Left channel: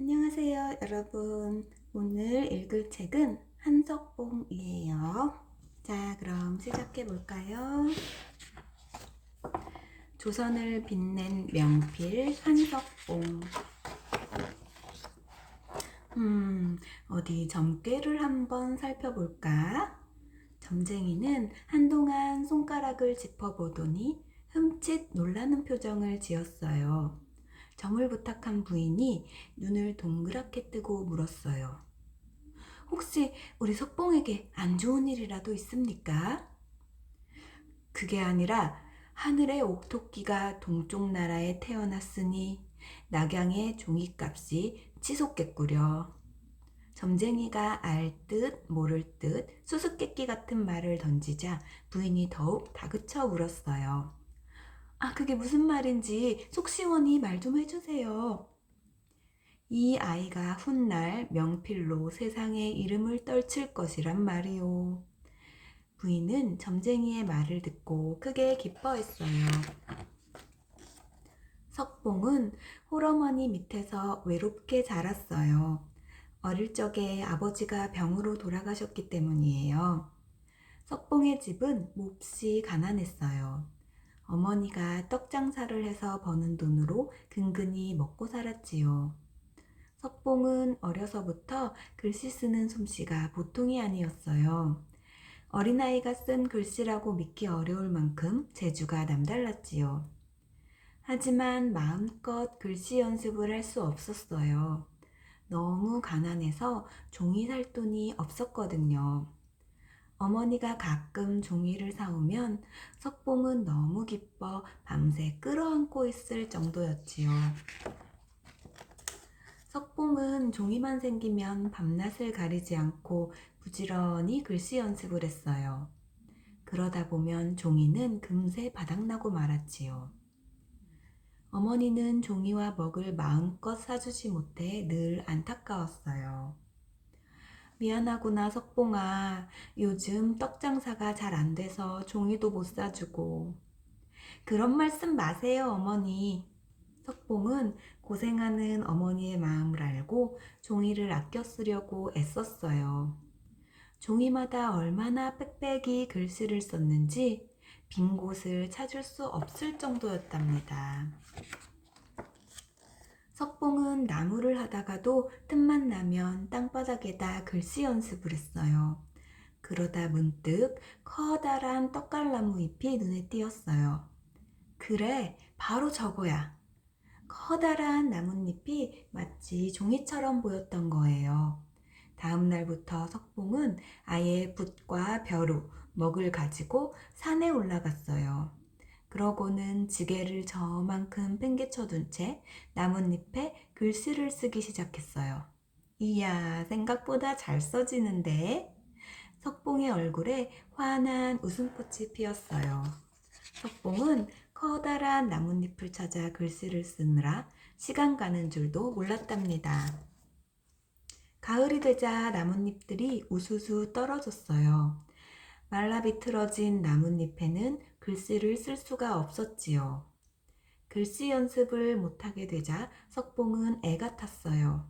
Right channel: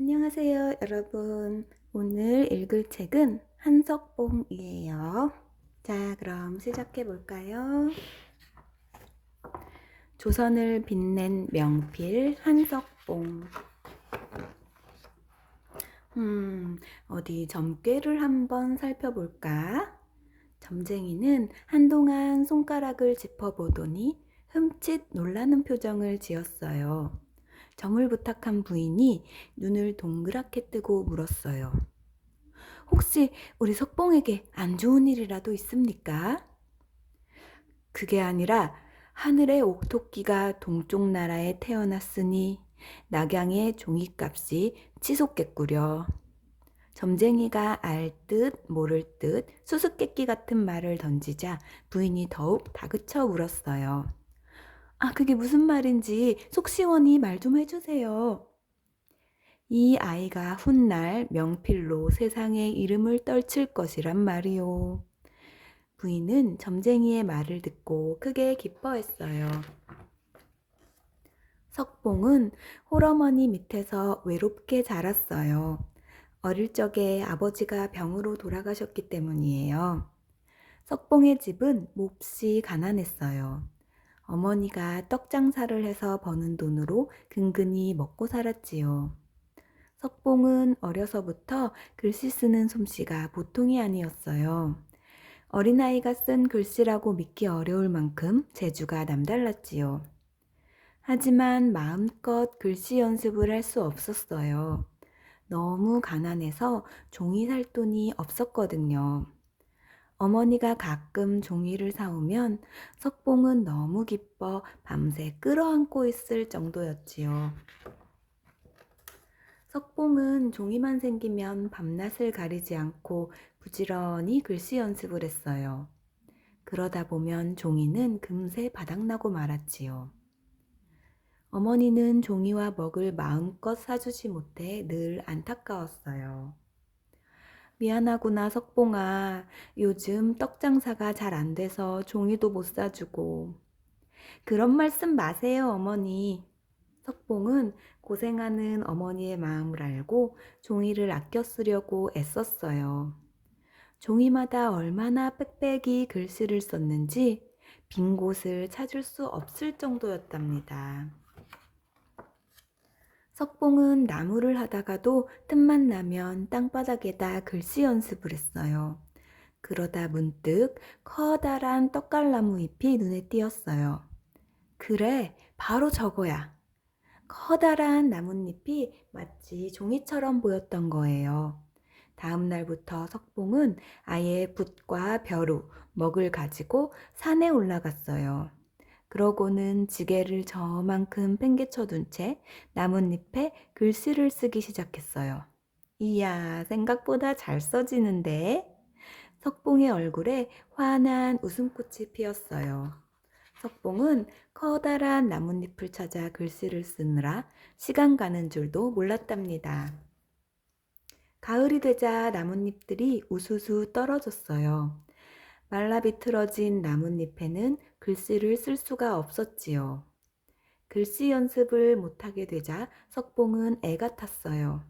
안녕하세요, 여러분. 오늘 읽을 책은 한석봉이에요. 자, 그럼 시작해 볼까요? 조선을 빛낸 명필 한석봉. 어디 점괘를 한번 살펴볼까? 점쟁이는 한동안 손가락을 짚어보더니 흠칫 놀라는 표정을 지었어요. 점을 부탁한 부인이 눈을 동그랗게 뜨고 물었어요. 혹시 우리 석봉에게 안 좋은 일이라도 있습니까? 그게 아니라 하늘의 옥토끼가 동쪽 나라에 태어났으니 낙양의 종이값이 치솟겠구려. 점쟁이가 알 듯 모를 듯 수수께끼 같은 말을 던지자 부인이 더욱 다그쳐 물었어요. 아, 그게 무슨 말인지 속 시원히 말 좀 해주세요. 이 아이가 훗날 명필로 세상의 이름을 떨칠 것이란 말이오. 부인은 점쟁이의 말을 듣고 크게 기뻐했어요. 석봉은 홀어머니 밑에서 외롭게 자랐어요. 어릴 적에 아버지가 병으로 돌아가셨기 때문이에요. 석봉의 집은 몹시 가난했어요. 어머니가 떡 장사를 해서 버는 돈으로 근근히 먹고 살았지요. 석봉은 어려서부터 글씨 쓰는 솜씨가 보통이 아니었어요. 어린아이가 쓴 글씨라고 믿기 어려울 만큼 재주가 남달랐지요. 하지만 마음껏 글씨 연습을 할 수 없었어요. 너무 가난해서 종이 살 돈이 없었거든요. 어머니가 가끔 종이를 사오면 석봉은 너무 기뻐 밤새 끌어안고 있을 정도였지요. 석봉은 종이만 생기면 밤낮을 가리지 않고 부지런히 글씨 연습을 했어요. 그러다 보면 종이는 금세 바닥나고 말았지요. 어머니는 종이와 먹을 마음껏 사주지 못해 늘 안타까웠어요. 미안하구나, 석봉아. 요즘 떡 장사가 잘 안 돼서 종이도 못 사주고. 그런 말씀 마세요, 어머니. 석봉은 고생하는 어머니의 마음을 알고 종이를 아껴 쓰려고 애썼어요. 종이마다 얼마나 빽빽이 글씨를 썼는지 빈 곳을 찾을 수 없을 정도였답니다. 석봉은 나무를 하다가도 틈만 나면 땅바닥에다 글씨 연습을 했어요. 그러다 문득 커다란 떡갈나무 잎이 눈에 띄었어요. 그래, 바로 저거야. 커다란 나뭇잎이 마치 종이처럼 보였던 거예요. 다음 날부터 석봉은 아예 붓과 벼루, 먹을 가지고 산에 올라갔어요. 그러고는 지게를 저만큼 팽개쳐둔 채 나뭇잎에 글씨를 쓰기 시작했어요. 이야, 생각보다 잘 써지는데? 석봉의 얼굴에 환한 웃음꽃이 피었어요. 석봉은 커다란 나뭇잎을 찾아 글씨를 쓰느라 시간 가는 줄도 몰랐답니다. 가을이 되자 나뭇잎들이 우수수 떨어졌어요. 말라 비틀어진 나뭇잎에는 글씨를 쓸 수가 없었지요. 글씨 연습을 못하게 되자 석봉은 애가 탔어요.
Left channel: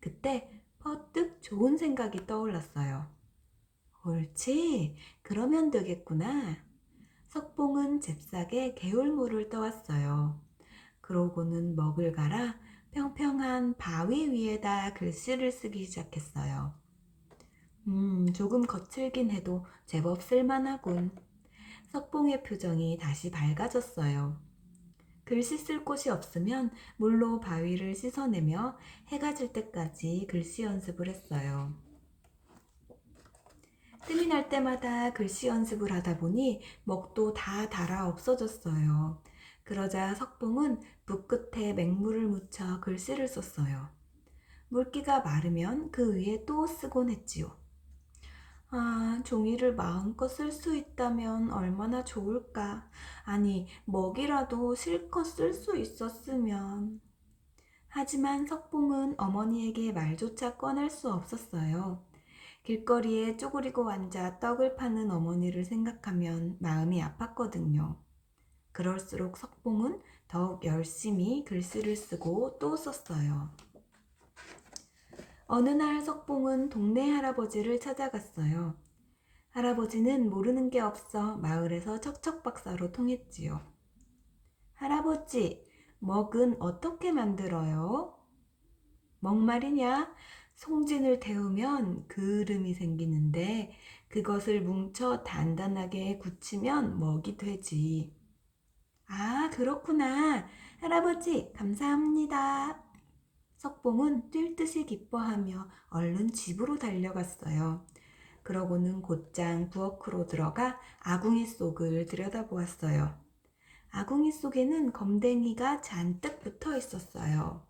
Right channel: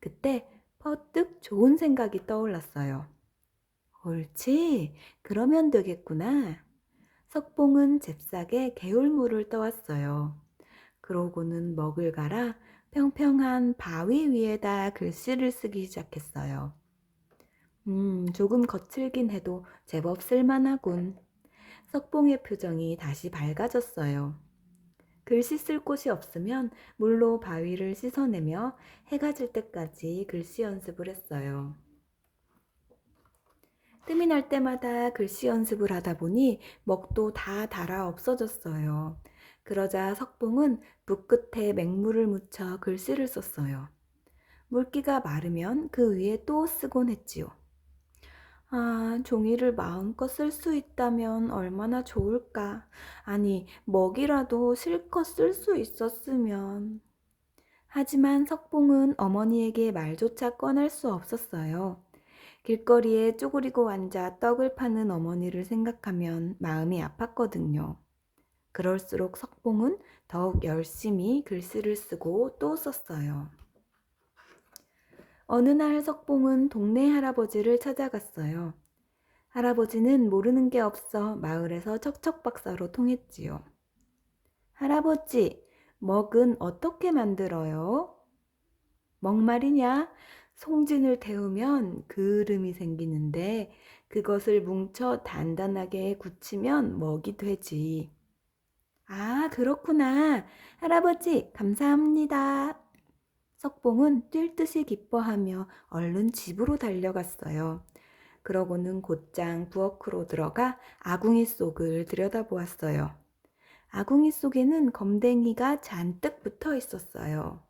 그때 퍼뜩 좋은 생각이 떠올랐어요. 옳지, 그러면 되겠구나. 석봉은 잽싸게 개울물을 떠왔어요. 그러고는 먹을 갈아 평평한 바위 위에다 글씨를 쓰기 시작했어요. 조금 거칠긴 해도 제법 쓸만하군. 석봉의 표정이 다시 밝아졌어요. 글씨 쓸 곳이 없으면 물로 바위를 씻어내며 해가 질 때까지 글씨 연습을 했어요. 뜸이 날 때마다 글씨 연습을 하다 보니 먹도 다 닳아 없어졌어요. 그러자 석봉은 붓 끝에 맹물을 묻혀 글씨를 썼어요. 물기가 마르면 그 위에 또 쓰곤 했지요. 아, 종이를 마음껏 쓸 수 있다면 얼마나 좋을까. 아니, 먹이라도 실컷 쓸 수 있었으면. 하지만 석봉은 어머니에게 말조차 꺼낼 수 없었어요. 길거리에 쪼그리고 앉아 떡을 파는 어머니를 생각하면 마음이 아팠거든요. 그럴수록 석봉은 더욱 열심히 글씨를 쓰고 또 썼어요. 어느 날 석봉은 동네 할아버지를 찾아갔어요. 할아버지는 모르는 게 없어 마을에서 척척박사로 통했지요. 할아버지, 먹은 어떻게 만들어요? 먹 말이냐? 송진을 데우면 그을음이 생기는데 그것을 뭉쳐 단단하게 굳히면 먹이 되지. 아, 그렇구나. 할아버지, 감사합니다. 석봉은 뛸 듯이 기뻐하며 얼른 집으로 달려갔어요. 그러고는 곧장 부엌으로 들어가 아궁이 속을 들여다보았어요. 아궁이 속에는 검댕이가 잔뜩 붙어 있었어요.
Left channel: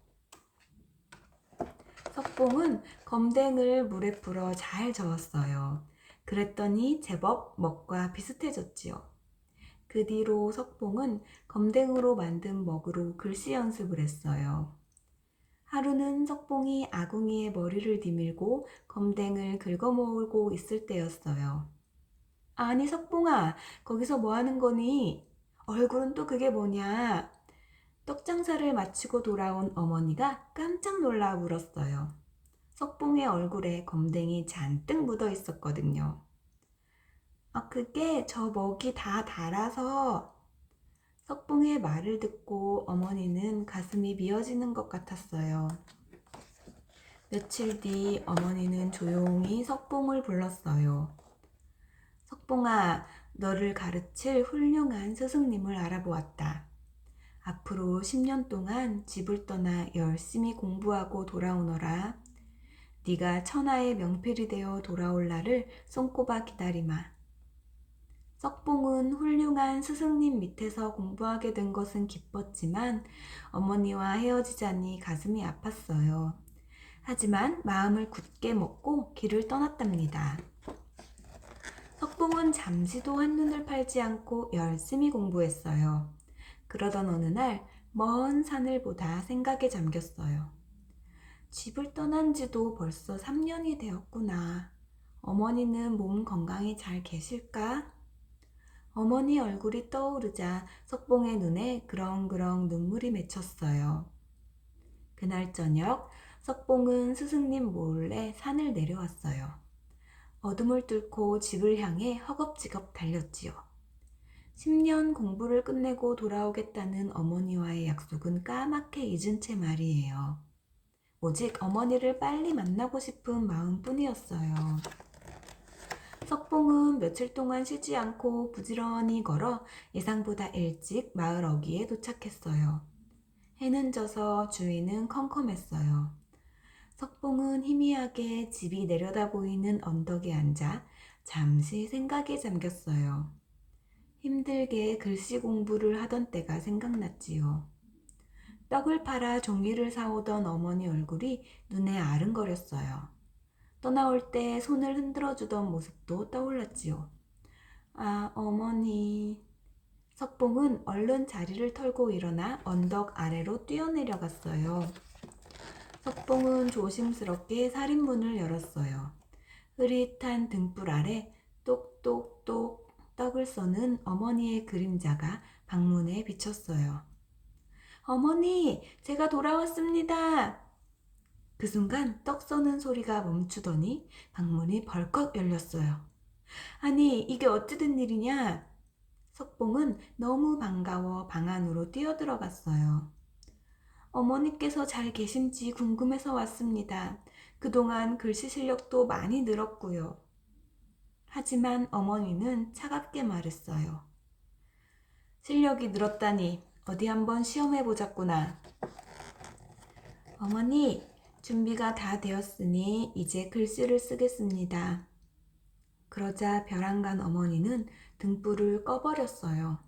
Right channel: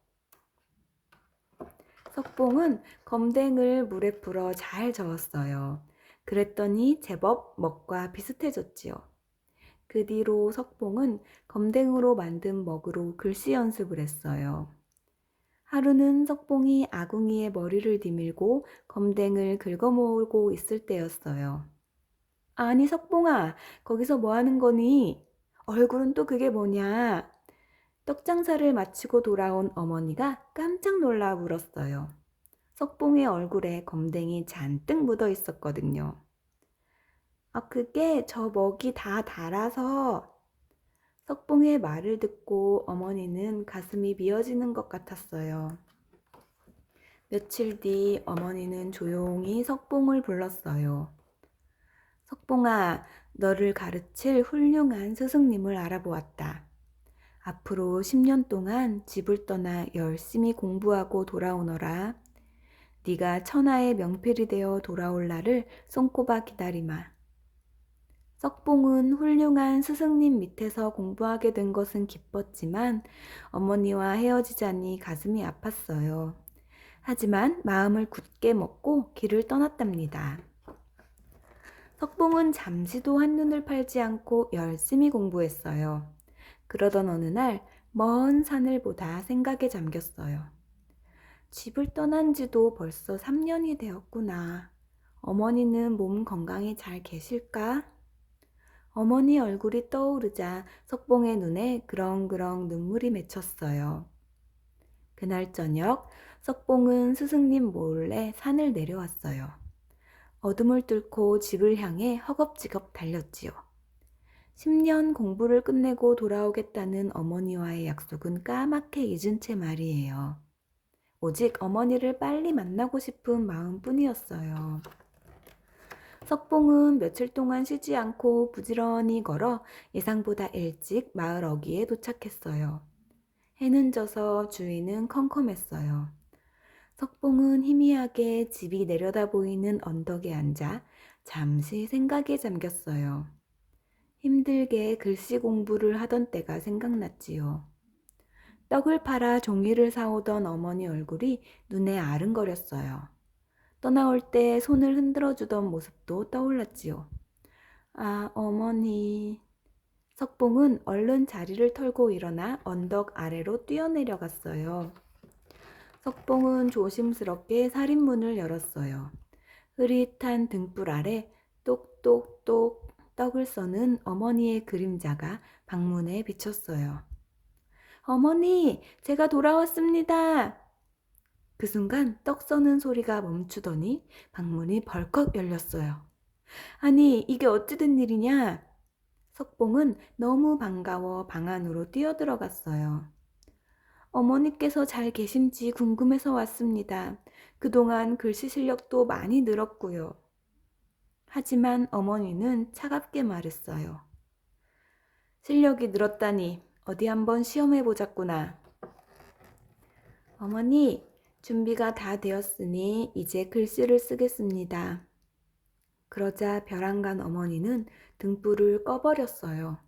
석봉은 검댕을 물에 불어 잘 저었어요. 그랬더니 제법 먹과 비슷해졌지요. 그 뒤로 석봉은 검댕으로 만든 먹으로 글씨 연습을 했어요. 하루는 석봉이 아궁이에 머리를 디밀고 검댕을 긁어모으고 있을 때였어요. 아니, 석봉아, 거기서 뭐 하는 거니? 얼굴은 또 그게 뭐냐? 떡장사를 마치고 돌아온 어머니가 깜짝 놀라 물었어요. 석봉의 얼굴에 검댕이 잔뜩 묻어 있었거든요. 아, 그게 저 먹이 다 달아서. 석봉의 말을 듣고 어머니는 가슴이 미어지는 것 같았어요. 며칠 뒤 어머니는 조용히 석봉을 불렀어요. 석봉아, 너를 가르칠 훌륭한 스승님을 알아보았다. 앞으로 10년 동안 집을 떠나 열심히 공부하고 돌아오너라. 네가 천하의 명필이 되어 돌아올 날을 손꼽아 기다리마. 석봉은 훌륭한 스승님 밑에서 공부하게 된 것은 기뻤지만 어머니와 헤어지자니 가슴이 아팠어요. 하지만 마음을 굳게 먹고 길을 떠났답니다. 석봉은 잠시도 한눈을 팔지 않고 열심히 공부했어요. 그러던 어느 날 먼 산을 보다 생각에 잠겼어요. 집을 떠난 지도 벌써 3년이 되었구나. 어머니는 몸 건강히 잘 계실까? 어머니 얼굴이 떠오르자 석봉의 눈에 그렁그렁 눈물이 맺혔어요. 그날 저녁 석봉은 스승님 몰래 산을 내려왔어요. 어둠을 뚫고 집을 향해 허겁지겁 달렸지요. 10년 공부를 끝내고 돌아오겠다는 어머니와의 약속은 까맣게 잊은 채 말이에요. 오직 어머니를 빨리 만나고 싶은 마음뿐이었어요. 석봉은 며칠 동안 쉬지 않고 부지런히 걸어 예상보다 일찍 마을 어귀에 도착했어요. 해는 져서 주위는 컴컴했어요. 석봉은 희미하게 집이 내려다 보이는 언덕에 앉아 잠시 생각에 잠겼어요. 힘들게 글씨 공부를 하던 때가 생각났지요. 떡을 팔아 종이를 사오던 어머니 얼굴이 눈에 아른거렸어요. 떠나올 때 손을 흔들어 주던 모습도 떠올랐지요. 아, 어머니. 석봉은 얼른 자리를 털고 일어나 언덕 아래로 뛰어내려갔어요. 석봉은 조심스럽게 살인문을 열었어요. 흐릿한 등불 아래 똑똑똑 떡을 써는 어머니의 그림자가 방문에 비쳤어요. 어머니, 제가 돌아왔습니다. 그 순간 떡 써는 소리가 멈추더니 방문이 벌컥 열렸어요. 아니, 이게 어찌된 일이냐? 석봉은 너무 반가워 방 안으로 뛰어들어갔어요. 어머니께서 잘 계신지 궁금해서 왔습니다. 그동안 글씨 실력도 많이 늘었고요. 하지만 어머니는 차갑게 말했어요. 실력이 늘었다니 어디 한번 시험해 보자꾸나. 어머니, 준비가 다 되었으니 이제 글씨를 쓰겠습니다. 그러자 벼랑간 어머니는 등불을 꺼버렸어요.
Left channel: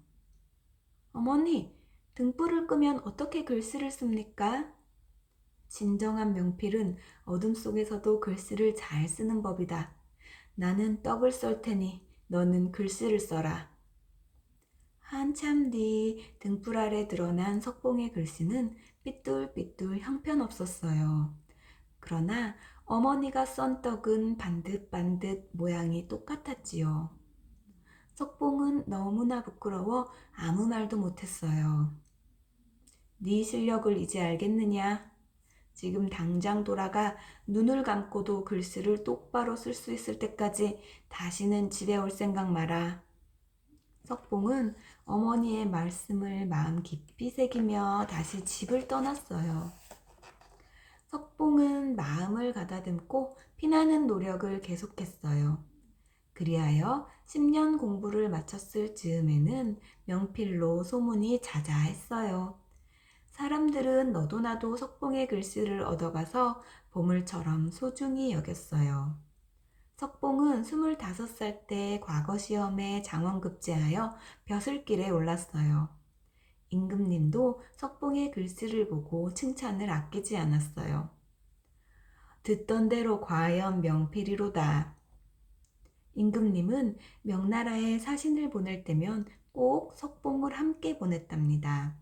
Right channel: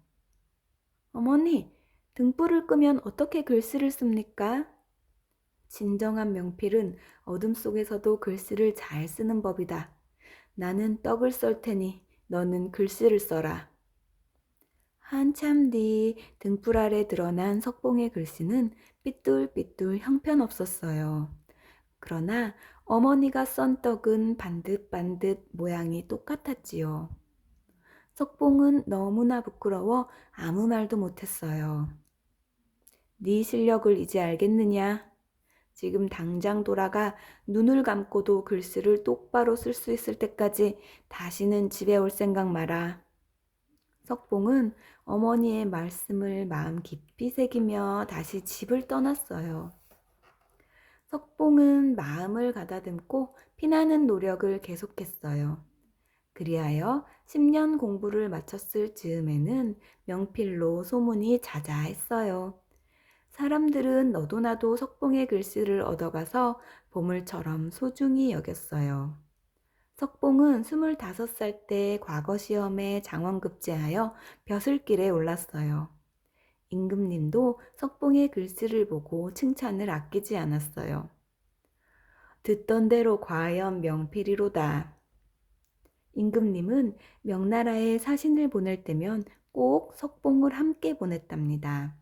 어머니, 등불을 끄면 어떻게 글씨를 씁니까? 진정한 명필은 어둠 속에서도 글씨를 잘 쓰는 법이다. 나는 떡을 썰 테니 너는 글씨를 써라. 한참 뒤 등불 아래 드러난 석봉의 글씨는 삐뚤삐뚤 형편없었어요. 그러나 어머니가 썬 떡은 반듯반듯 모양이 똑같았지요. 석봉은 너무나 부끄러워 아무 말도 못했어요. 네 실력을 이제 알겠느냐? 지금 당장 돌아가 눈을 감고도 글씨를 똑바로 쓸 수 있을 때까지 다시는 집에 올 생각 마라. 석봉은 어머니의 말씀을 마음 깊이 새기며 다시 집을 떠났어요. 석봉은 마음을 가다듬고 피나는 노력을 계속했어요. 그리하여 10년 공부를 마쳤을 즈음에는 명필로 소문이 자자했어요. 사람들은 너도 나도 석봉의 글씨를 얻어가서 보물처럼 소중히 여겼어요. 석봉은 25살 때 과거 시험에 장원급제하여 벼슬길에 올랐어요. 임금님도 석봉의 글씨를 보고 칭찬을 아끼지 않았어요. 듣던 대로 과연 명필이로다. 임금님은 명나라에 사신을 보낼 때면 꼭 석봉을 함께 보냈답니다.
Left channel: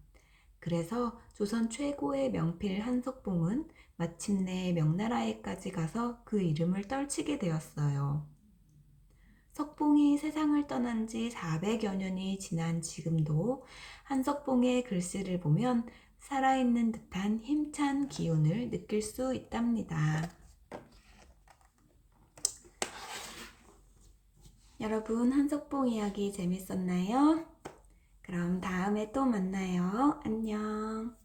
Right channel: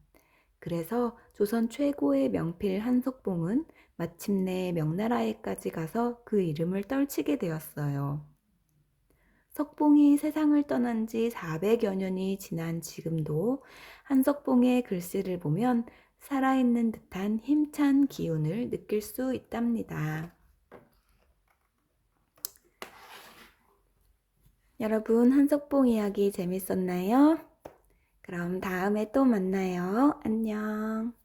그래서 조선 최고의 명필 한석봉은 마침내 명나라에까지 가서 그 이름을 떨치게 되었어요. 석봉이 세상을 떠난 지 400여 년이 지난 지금도 한석봉의 글씨를 보면 살아있는 듯한 힘찬 기운을 느낄 수 있답니다. 여러분, 한석봉 이야기 재밌었나요? 그럼 다음에 또 만나요. 안녕.